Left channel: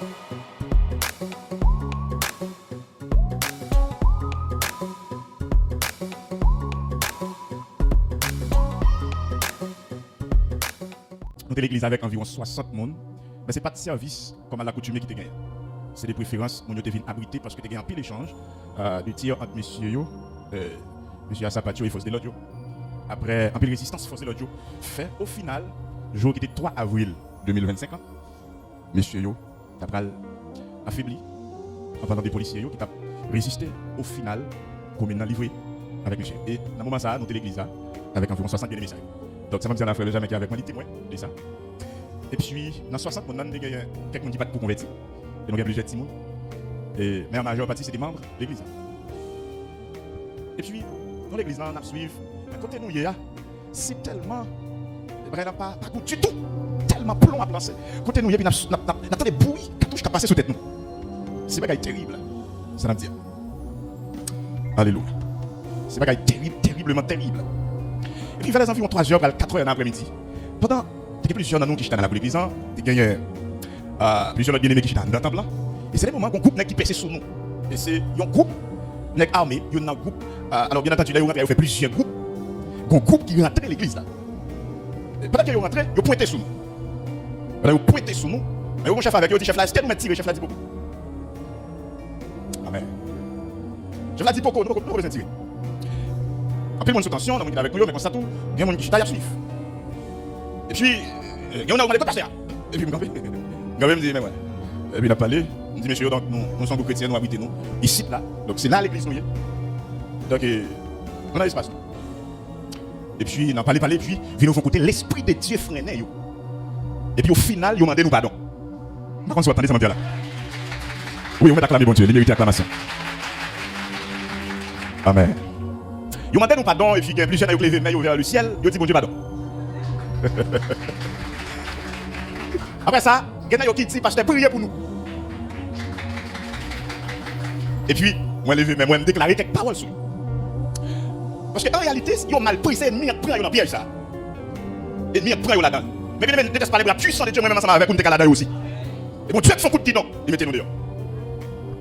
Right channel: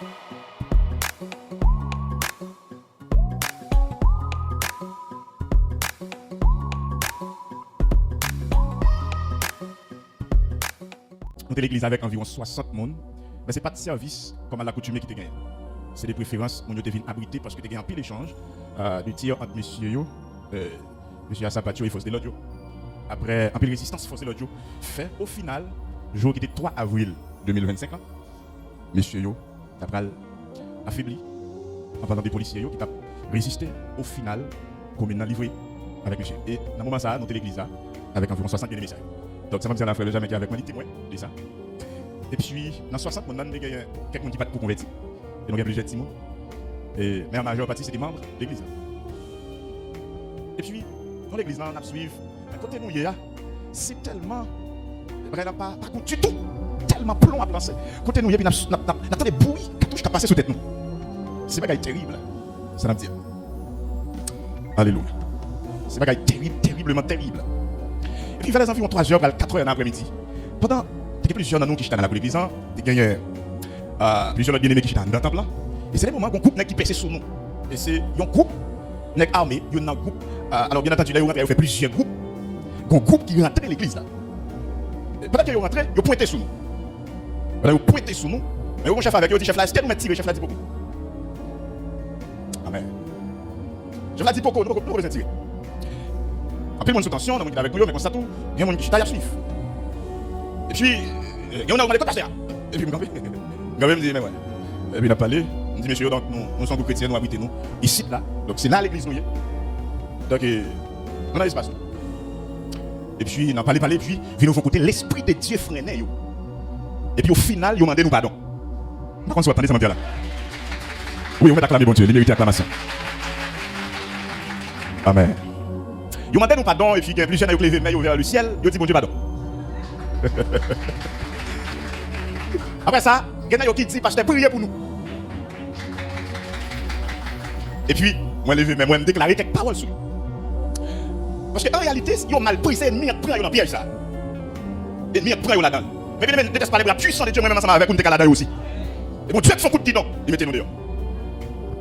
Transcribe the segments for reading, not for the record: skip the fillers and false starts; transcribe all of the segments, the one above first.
Une église avec environ 60 personnes, mais ce n'est pas de service comme à l'accoutumée qui te gagne. C'est des préférences, on devient abrité parce que tu as un pile d'échange de tir entre messieurs, monsieur Assapatio et Force de l'Audio. Après un peu de résistance, Force de l'Audio fait au final, jour qui était 3 avril 2025, messieurs, tu as affaibli en tant que policiers qui t'a résisté au final, comme il a livré avec monsieur. Et dans le moment ça, dans l'église là, avec environ 60 messages. Donc, c'est comme si on a fait déjà avec moi des témoins de ça. Et puis, dans 60 personnes, il y a quelqu'un qui va pour convertir. Il y a plusieurs témoins. Mais en majeure partie, c'est des membres de l'église. Et puis, dans l'église, on a suivi. Quand on est là, c'est tellement. Vraiment pas contre du tout. Tellement plomb à penser. Quand on est là, on a des bruits qui passent sur tête nous. C'est pas terrible. Ça va dire. Alléluia. C'est pas terrible, terriblement terrible. Et puis, il fallait 3 heures, 4 heures dans l'après-midi. Pourtant, il y a plusieurs d'entre nous qui étaient dans la l'église, il y a plusieurs bien-aimés qui étaient dans la table. Et c'est le moment qu'on groupe qui perce sur nous. Et c'est un groupe armé, il y a un groupe. Alors, bien entendu, là, on a fait plusieurs groupes. Un groupe qui vient entrer dans l'église. Pendant qu'ils sont rentrés, ils ont pointé sur nous. Ils ont pointé sur nous. Mais le chef avec eux, le chef là, est-ce que nous m'a tiré, le chef là dit beaucoup. Amen. Je l'ai dit beaucoup, nous pouvons les tirer. Après, mon sous-tension, on a avec eux, on a constaté, il y a un qui à suivre. Et puis, il y en a un qui passer. Et puis, quand même, dit, mais ouais. Et puis, il a parlé, il dit, messieurs, donc, nous sommes chrétiens, nous habitons ici, là. Donc, c'est là l'église, nous. Donc, on a l'espace. Et puis, on a parlé, puis, il nous faut écouter l'esprit de Dieu freiné. Et puis, au final, ils ont demandé nous pardon. Par contre, si vous attendez, ça m'a dit là. Oui, on va acclamer bon Dieu, les mérites acclamation. Amen. Ils ont demandé nous pardon, et puis, il y a plusieurs qui ont levé vers le ciel, ils ont dit bon Dieu pardon. Après ça, il y en a qui dit parce que c'est brûlé pour nous. Et puis, moi, je me déclaré quelque part sur nous. Parce qu'en réalité, ils ont mal pris, c'est ennemi qui prend dans le piège ça. Ennemi qui prend là-dedans. Mais bien, ne laisse pas la puissance de Dieu, même ensemble avec on est là-dedans aussi. Et on tue son coup de guidon, et mettez-nous dehors.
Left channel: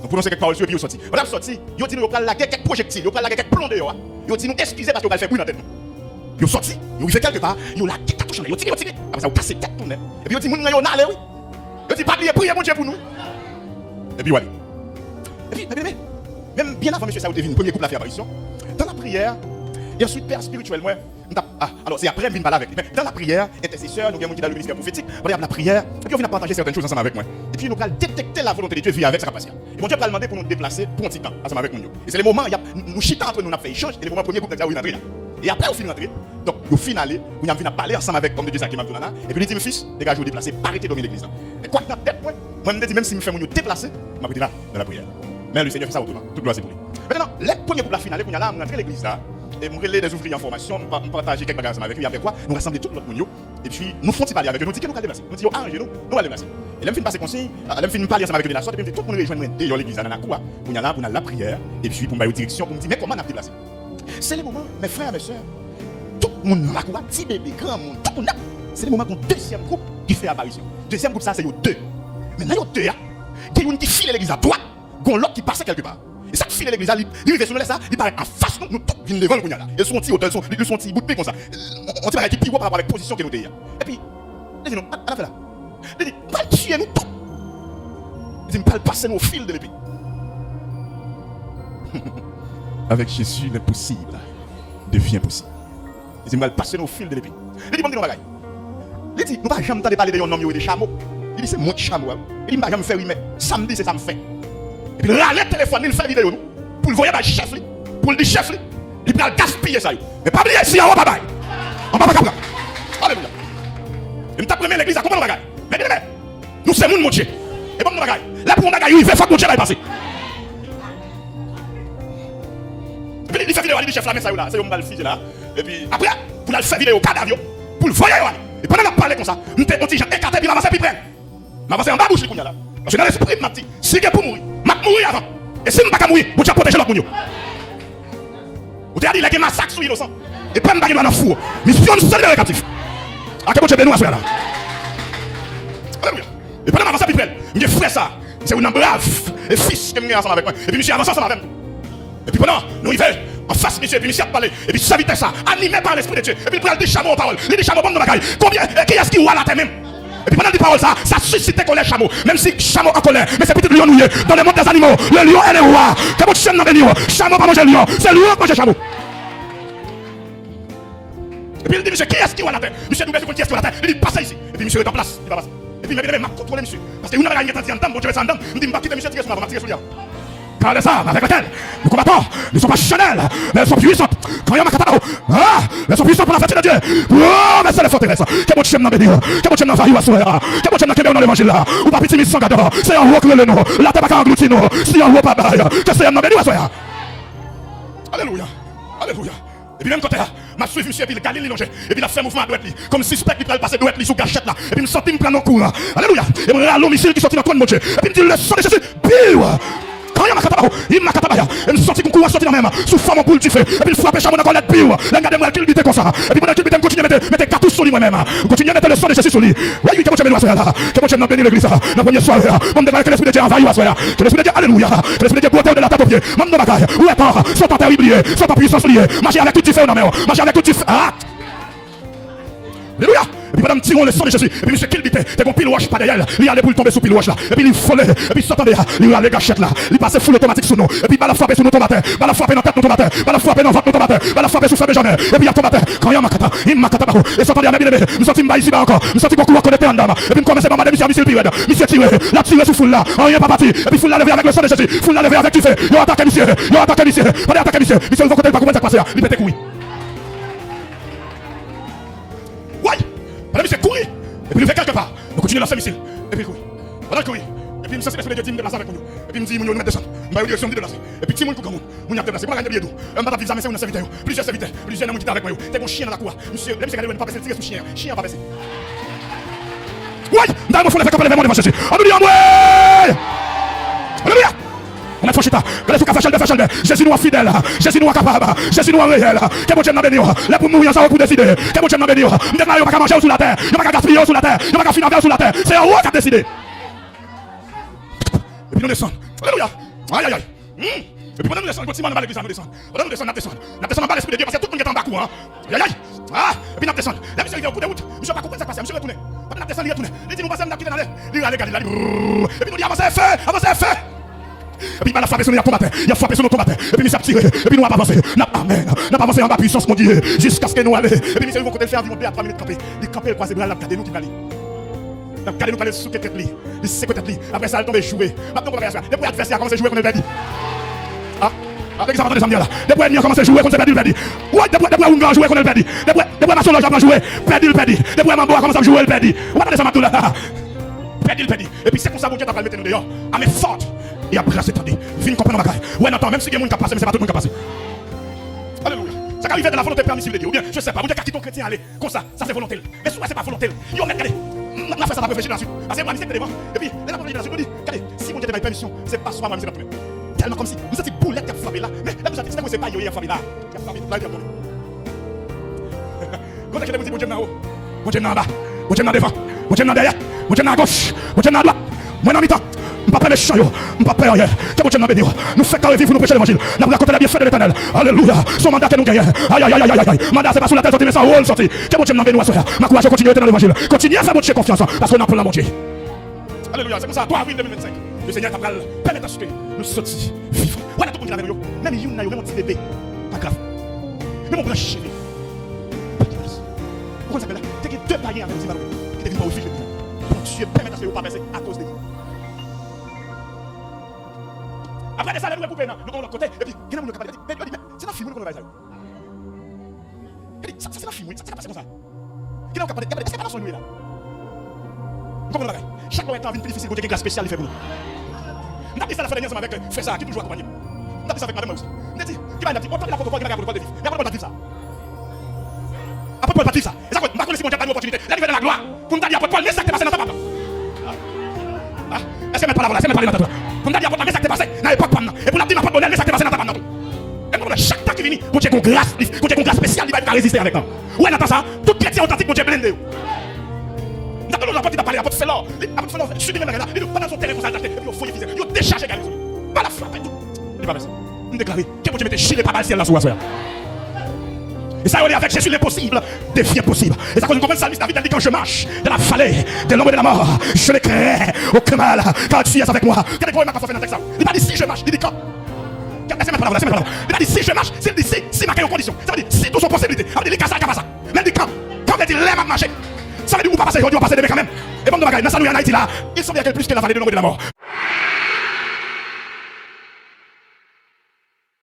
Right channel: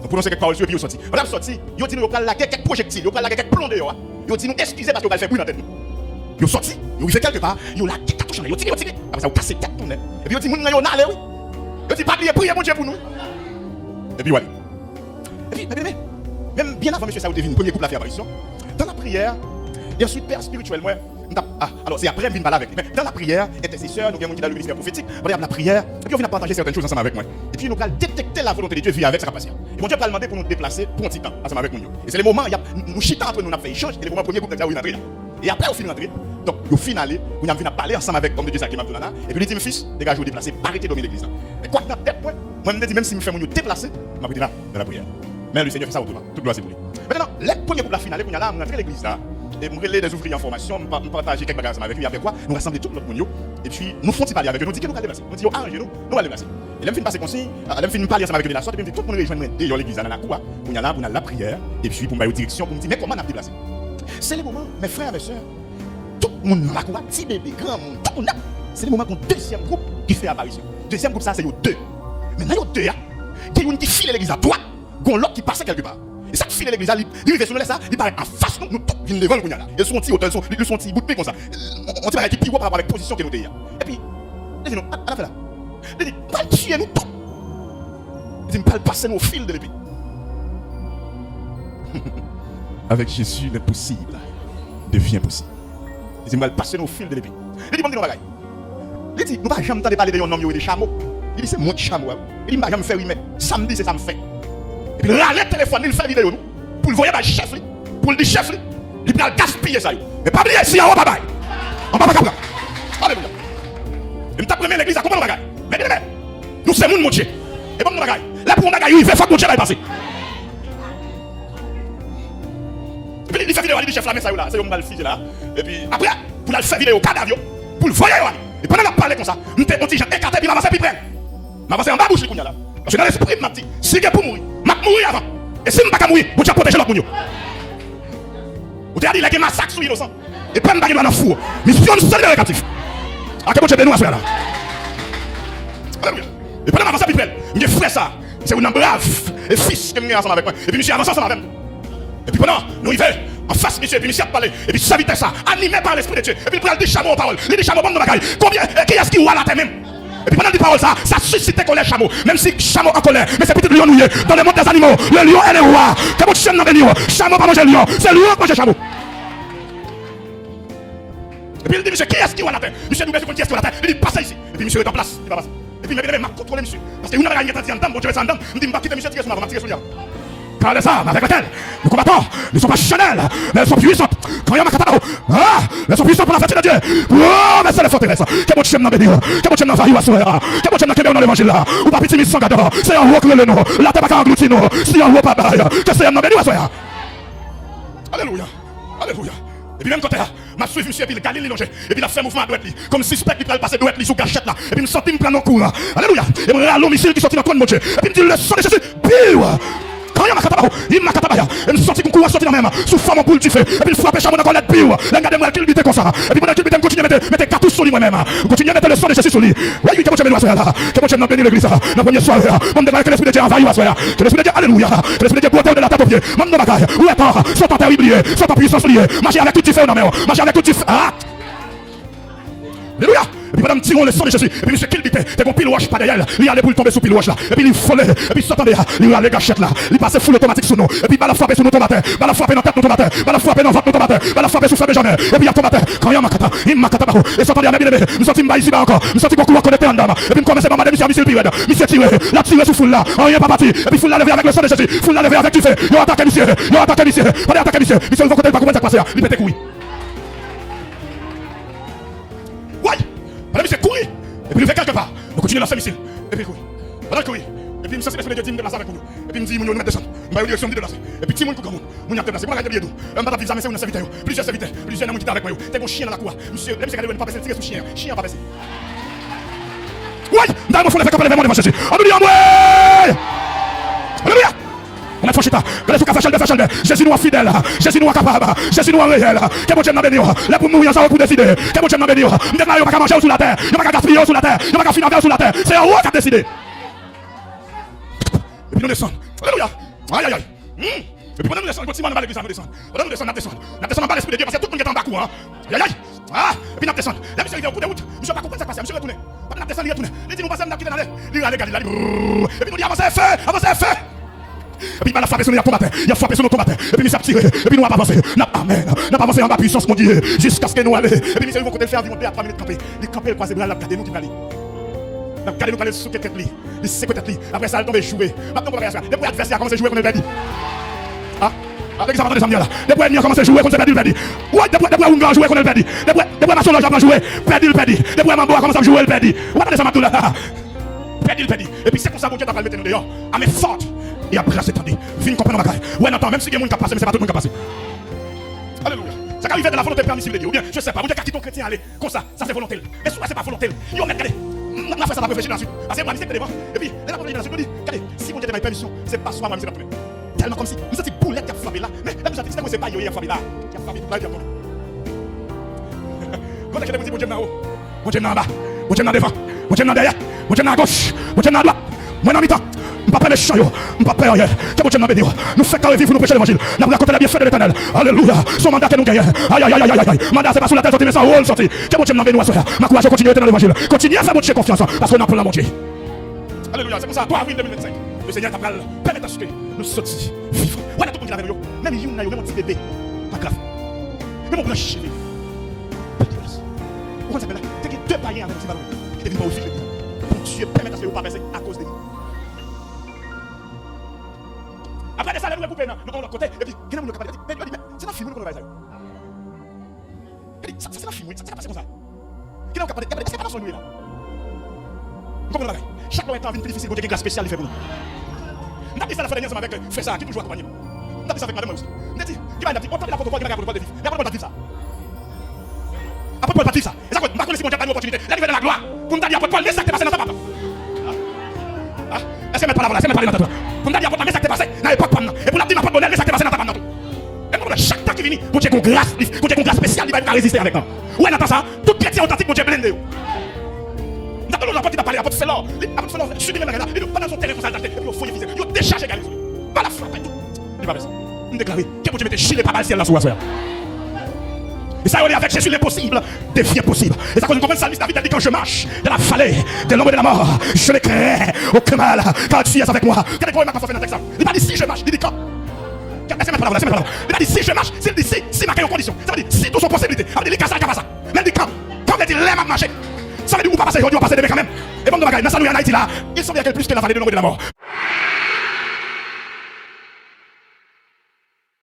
Nous prenons cette parole sur puis on sortit. On a sorti, ils ont dit nous, on va laguer quelques projectiles, on va laguer quelques plans dehors. Ils ont dit nous, excusez parce qu'on va faire bruit dans la tête. Ils ont sorti, ils ont fait quelque part, ils ont lagué quelque chose, ils ont tiré. Après ça, ils ont cassé tête. Et puis ils ont dit, nous, on a allé, oui. Ils ont dit, pas de prier, bon Dieu pour nous. Et puis voilà. Et puis, même bien avant de ça, vous avez vu, premier couple à faire apparition. Dans la prière, bien sûr, père spirituel, ouais. Alors, c'est après, je avec lui. Dans la prière, intercesseur, nous venons dans le ministère prophétique, on regarde la prière, et puis on vient partager certaines choses ensemble avec moi. Et puis, on va détecter la volonté de Dieu, vivre avec, ça va passer. Et bon Dieu va demander pour nous déplacer pour un petit temps, ensemble avec nous. Et c'est les moments, nous chitons entre nous, on a fait échange, et les moments, premier groupe, on a entré. Et après, au final, donc, au final, on a parlé ensemble avec l'homme de Dieu, qui m'a dit, et puis, il dit, fils, dégagez-vous déplacer, arrêtez de l'église. Et quoi, moi, même si nous faisons nous déplacer, on va dire là, dans la prière. Mais le Seigneur fait ça autour, toute gloire c'est pour lui. Maintenant, le premier groupe, la finale, on a là, on a fait l'église là. Et nous relais des ouvriers en formation, nous partageons quelques bagages avec lui, avec quoi, nous rassemblons tout notre monde. Et puis, nous faisons parler avec eux, nous disons qu'on va déplacer. Nous disons, arrangez-nous, nous allons déplacer. Et même si nous passons comme si, même si nous parlons ensemble avec eux de la sorte, et puis tout le monde rejoint des gens l'église dans la cour, on a là, on a la prière, et puis pour nous direction, pour nous dire, mais comment on a déplacé. C'est le moment, mes frères, mes sœurs, tout le monde a un petit bébé, grand monde, tout le monde. C'est le moment qu'on deuxième groupe qui fait apparition. Deuxième groupe, ça, c'est les deux. Mais les deux, qui ont qui file l'église à droite, gon l'autre qui passe quelque part. Et ça file l'église, il fait sur le ça, il paraît en face de nous, il lever le là. Ils sont petits, ils sont petits, ils comme ça. On va arrêter plus haut par rapport à la position qu'il nous dit. Et puis, laissez-nous, voilà. Il dit, nous nous tout. Il dit, passer nos fils de l'épée. Avec Jésus, l'impossible devient possible. Il dit, passer nos fils de l'épée. Il dit, il dit, nous ne jamais entendu parler de un homme ou des chameaux. Il dit, c'est mon chameau. Il dit, je ne vais jamais faire samedi, c'est ça me fait. Et puis là, le téléphone, il fait vidéo pour le voyer, chef, pour le dire chef, il va gaspiller ça. Mais pas bien si, on va pas. Il m'a pris l'église à comment on va. Mais nous sommes mon Dieu. Et bon, on va. Là, pour on va, il fait faut que mon Dieu va passer. Il fait vidéo avec le chef, là, c'est un mal fils là. Et puis après, pour le faire vidéo, cadavre, pour le voyer. Et pendant la parler comme ça, nous t'es petit, j'ai écarté, puis avancer plus près. M'avancer en bas bouche comme là. Parce que là, c'est pour m'a dit, c'est que pour mourir. M'a mourir avant. Et si nous pas mourir, on tient protéger l'autre moun. Vous avez dit qu'il y a un massacre sur l'innocent. Et pas m'baguer dans le four. Nous sommes négatifs. À quel moment tu es nous à cela? Et pendant que je vais il fait ça. C'est une brave. Un fils de venir ensemble avec moi. Et puis, monsieur avance ensemble avec moi. Et puis pendant, il fait, en face, monsieur, et puis monsieur a parlé. Et puis, sa vitesse, ça, animé par l'esprit de Dieu. Et puis, il prend des chameaux en parole. Il des chameaux bon dans la caille. Combien, qui est-ce qui voit la terre? Et puis pendant qu'il parle ça suscite colère chameau. Même si chameau en colère, mais c'est peut-être lion dans le monde des animaux. Le lion et le roi. Que nous chaîne dans les lions. Chameau pas manger lion. C'est lion manger chameau. Et puis il dit, monsieur, qui est-ce qui voit la terre? Monsieur, nous mettons qui est-ce qui voit la terre? Il dit, passez ici. Et puis monsieur est en place. Il va passer. Et puis il m'a contrôlé monsieur. Parce que une heure, il est en temps, bon Dieu, il dit, il va quitter monsieur, tirer sur ma, tirer sur lui. Parlez ça, avec lequel les combattants ne sont pas charnels, mais elles sont puissantes. Quand il y a ma cataro, elles sont puissantes pour la fête de Dieu. Oh, mais ça les forteresse. Que mon chien n'a béni, que mon chien n'a failli à souhait là, que mon chien n'a qu'à dans l'évangile là. On va pétiller sans gadara, c'est un roi qui est le nom. La terre va aboutir, non. Si un roi pas pareil, que c'est un n'a béni à souhait. Alléluia, alléluia. Et puis même côté, ma suivi ici, et puis le Galilée longeait, et puis la femme ouvre à droite, comme suspect qui passait droite, il sous cachette là, et puis il me sortit, il me prend en cours là. Alléluia. Et moi, l'homme ici qui sortit dans le coin de mon Dieu, et puis il me dit, le sang de Jésus, il m'a catabaya, il me sortit comme tout, sorti dans la même, sous son boule, tu sais, il soit péché, on a collé pire, les gars de moi qui le dit comme ça, et puis pendant qu'il continue à mettre cartouches sur lui moi-même, continue à mettre le sang de Jésus sur lui. Oui, que mon Dieu me doit là, que mon Dieu m'a béni l'église, la première soirée, on devrait que l'esprit de Dieu envahit la soirée, que l'esprit de Dieu, alléluia, que l'esprit de Dieu porte de la tête de pied, mon Dieu bagaille, où est part, sont en terrible, sont en puissance liée, marcher avec tout tu fais, non mais, marcher avec tout tu fais, alléluia. Et puis madame tirons le sang de Jésus. Et puis monsieur qu'il était, c'est qu'on pile wash pas derrière. Il allait pour tomber sous pile wash là. Et puis il folait. Et puis il s'entendait. Il allait gauchette là. Il passait full automatique sur nous. Et puis il va frapper sur nous tomates. Il va frapper dans la tête de tomates. Il va frapper dans la tête de tomates. Il va frapper sous ça de jardin. Et puis il y a tomate. Quand il y a ma cata, il m'a cata. Et s'entendait à la bien-aimée. Nous sentons pas ici là encore. Nous sentons qu'on court connecté en dame. Et puis nous commençons à demander monsieur tiré. Monsieur tiré. Il a tiré sous foule là. Rien pas parti. Et puis foule là levé avec le sang de Jésus. Foule là levé avec tout fait. Il a attaqué monsieur. Il a attaqué monsieur. On a attaqué monsieur. Monsieur, il faut qu'on pas comment ça passe là. Il pète couille. Ouais. Madame monsieur couille. Et puis il fait quelque part. Il continue dans son ici. Et puis oui. Voilà que oui. Et puis ça c'est l'esprit de Dieu me déplace avec nous. Et puis il me dit, mon nous descend. Il m'a eu direction de déplacer. Et puis Timon tout comme nous. Mon a déplacé. Moi j'ai de dos. On ne peut plus jamais faire une serviteur. Plusieurs serviteurs. Plusieurs hommes qui avec moi. T'es mon chien dans la cour. Monsieur, même si elle ne pas passer tirer sous chien. Chien pas passer. Oui. Dans le fond la capable de chercher. On dit on est touché là. On est sur café chalde. Jésus nous fidèle. Jésus nous capable. Jésus nous réel. Que mon Dieu m'a béni. Là pour mourir ça pour décider. Que mon Dieu m'a béni. On ne va pas manger sous la terre. On ne va pas gaspiller sous la terre. On ne va pas financer sous la terre. C'est un roi qui a décidé. Et puis nous descendons. Alléluia. Aïe aïe aïe. Et puis nous descendons. Continuons à l'église, nous descendons. On descend, on descend. On descend dans l'esprit de Dieu parce que tout le monde est en bas quoi. Aïe aïe. Et puis nous descendons. La mission est au bout de route. Ils sont pas compris ça passe. Monsieur retourner. Pas nous descendre, il retourner. Les dit nous passons dans l'air. Il allait galer là. Et puis nous dit avancez fait. Et puis il va frapper sur nous combattre. Il a frappé sur nous combattre. Et puis il s'est tiré. Et puis nous avons avancé. Amen. Nous avons avancé en bas puissance mon Dieu. Jusqu'à ce que nous allions. Et puis nous allons vous faire vivre à 3 minutes camper. Les camper croiser bras là garder nous qui aller. La garder nous quand sous quelques plis. Les c'est peut-être plis. Après ça tomber jouer. Maintenant on va faire ça. Depuis faire ça commencer à jouer qu'on est perdu. Ah. Dans l'examen des amis. Depuis il a commencé à jouer qu'on est perdu. Ouais, depuis il a joué qu'on est perdu. Depuis ma soeur a joué. Perdu. Depuis ma bois commence à jouer perdu. On va descendre tout là. Perdu. Et puis c'est pour ça que Dieu va mettre nous dehors. Allez sorte. Et après c'est perdu. Viens comprendre la bagaille. Ouais, attends, même si il y a monde qui a passé, mais c'est pas tout le monde qui a passé. Alléluia. Ça arrive de la volonté permissive de Dieu. Ou bien, je sais pas, vous êtes chrétien aller comme ça fait volonté. Mais soit c'est pas volonté. Il y a on a fait ça, on a réfléchi ensuite. C'est pas c'est bon. Et puis, là on est dans ce qu'on dit. Regardez, si mon Dieu est dans la permission, c'est pas souvent même c'est pas tout. Tellement comme si vous êtes boulette qui a frappé là. Mais là vous êtes c'est pas rien frappé là. Quand je vous dis mon Dieu là-haut, mon Dieu là-bas, mon Dieu là-devant, mon Dieu là-derrière, mon Dieu là-gauche, mon Dieu là-droite, mon ami temps. Pas peur de chien, pas peur rien. Que mon Dieu nous bénisse. Nous fait carré vivre, nous prêcher l'évangile. Là, on a compté la bienfait de l'éternel. Alléluia. Son mandat est nous guérir. Aïe. Mandat, c'est pas sur la tête, mais ça, on sorti. Que mon Dieu nous bénisse. Ma courage, continue à être dans l'évangile. Continue à faire mon Dieu confiance. Parce qu'on a pour la moitié. Alléluia. C'est pour ça, 3 avril 2025. Le Seigneur t'appelle. Permets d'acheter. Nous sortis. Voilà tout le monde dit même il y a même un petit bébé. Pas grave. Même on va chier. Pourquoi ça fait là? T'es que 2 paliers à l'autre. Il est pas aussi. Bon Dieu, permets d'acheter. Vous pas baisser à cause de lui. Après ça, l'autre coupé, nous allons côté, et puis, quel est le capable? Mais c'est la figure qu'on a là. Ça, c'est la figure, ça s'est passé comme ça. Quel est le capable? C'est pas la sonnerie là. Vous comprenez? Chaque fois qu'un petit souci, vous avez quelque chose spécial, il fait pas. N'a pas ça la fois dernière avec frère ça, qui toujours accompagné. N'a pas ça avec madame aussi. N'a dit, qui m'a dit, on t'a la photo, qui m'a dit, on va le vivre. Il y a pas de ça. Après, on a dit ça. Ça va, ma connaissance, on a pas d'opportunité. La nouvelle de la gloire. Pour nous dire, après, Paul, laissez passer dans ta part. Laissez-moi pas la voilà, laissez-moi pas la tête. Pour nous dire, après, laissez passer. Et pour la dire, ma porte-monnaie, laissez passer dans ta part. Et pour chaque fois qui vient, pour Dieu qu'on grâce, pour Dieu qu'on grâce spéciale, il va résister avec toi. Ouais, attends ça. Tout chrétien authentique, pour Dieu blindé. D'accord, nous apporter à parler à votre félin. Avec félin, je suis devenu pas dans son téléphone, il faut les viser. Vous déchargez les gens. Pas la frappe. C'est pas vrai. Vous déclarez que vous mettez chier pas mal ciel là sur la. Et ça, on est avec Jésus l'impossible, défi impossible. Et ça, quand le salmiste David a dit que je marche dans la vallée de l'ombre de la mort, je ne crains aucun mal, car tu es avec moi. Quel est le problème à faire le texte? Il a dit si je marche, il dit quand? C'est ma parole, c'est ma parole. Il a dit si je marche, c'est dit si, c'est dans quelle condition? Ça veut dire si dans son possibilité. Il dit ça. Il dit quand? Quand il dit lève à marcher. Ça veut dire on va passer aujourd'hui, on va passer demain quand même. Et bon, dans ça nous en Haïti là, il semble qu'il y a plus que la vallée de l'ombre de la mort.